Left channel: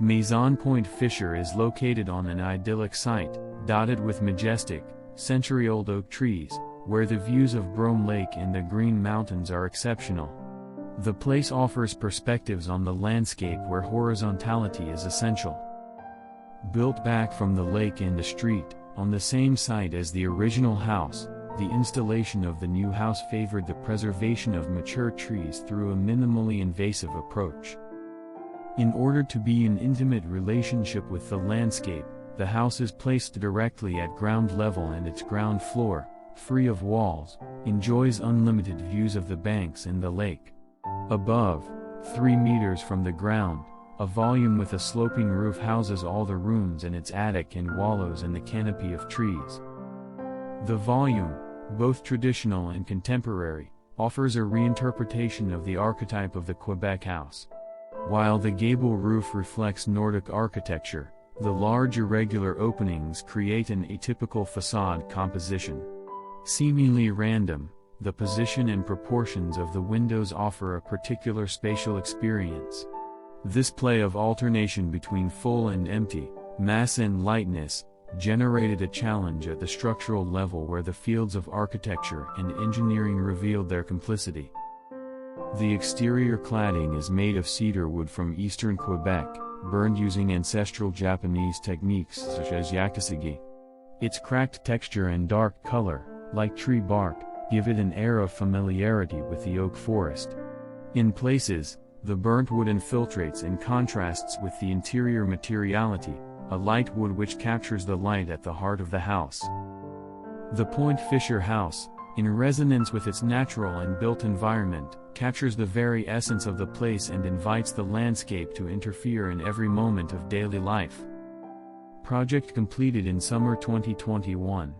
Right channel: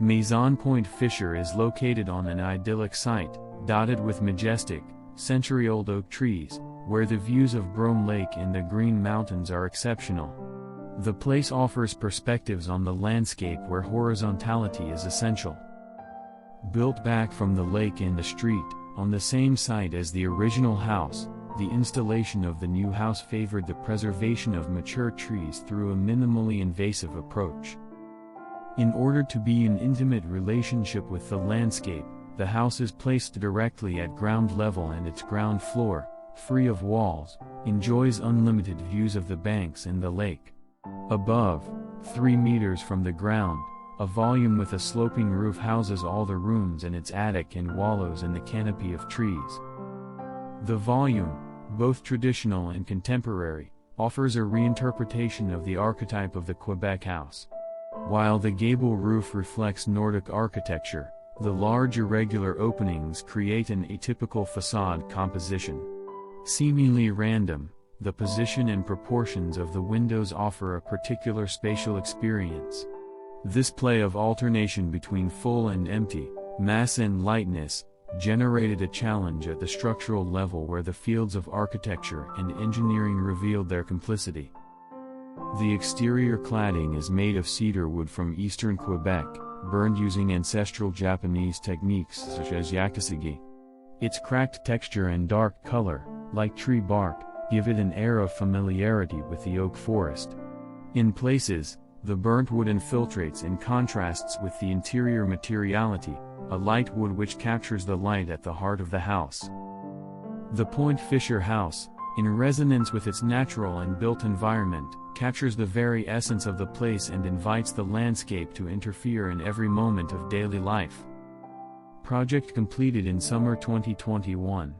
Maison Pointe Fisher is located on an idyllic site, dotted with majestic, century-old oak trees, where the views of Brome Lake and the Green Mountains are exceptional. The place offers perspectives on the landscape where horizontality is essential. Built back from the lake and the street, on the same site as the original house, the installation of the new house favored the preservation of mature trees through a minimally invasive approach. In order to be in intimate relationship with the landscape, the house is placed directly at ground level, and its ground floor, free of walls, enjoys unlimited views of the banks and the lake. Above, 3 meters from the ground, a volume with a sloping roof houses all the rooms in its attic and wallows in the canopy of trees. The volume, both traditional and contemporary, offers a reinterpretation of the archetype of the Quebec house. While the gable roof reflects Nordic architecture, the large irregular openings create an atypical facade composition. Seemingly random, the position and proportions of the windows offer a particular spatial experience. This play of alternation between full and empty, mass and lightness, generated a challenge at the structural level where the fields of architecture and engineering revealed their complicity. The exterior cladding is made of cedar wood from eastern Quebec, burned using ancestral Japanese techniques such as yakusugi. Its cracked texture and dark color, like tree bark, give it an air of familiarity with the oak forest. In places, the burnt wood infiltrates and contrasts with the interior materiality, a light wood which captures the light at the heart of the house. The Pointe Fisher house, in resonance with its natural and built environment, captures the very essence of the place and invites the landscape to interfere in every moment of daily life. Project completed in summer 2021.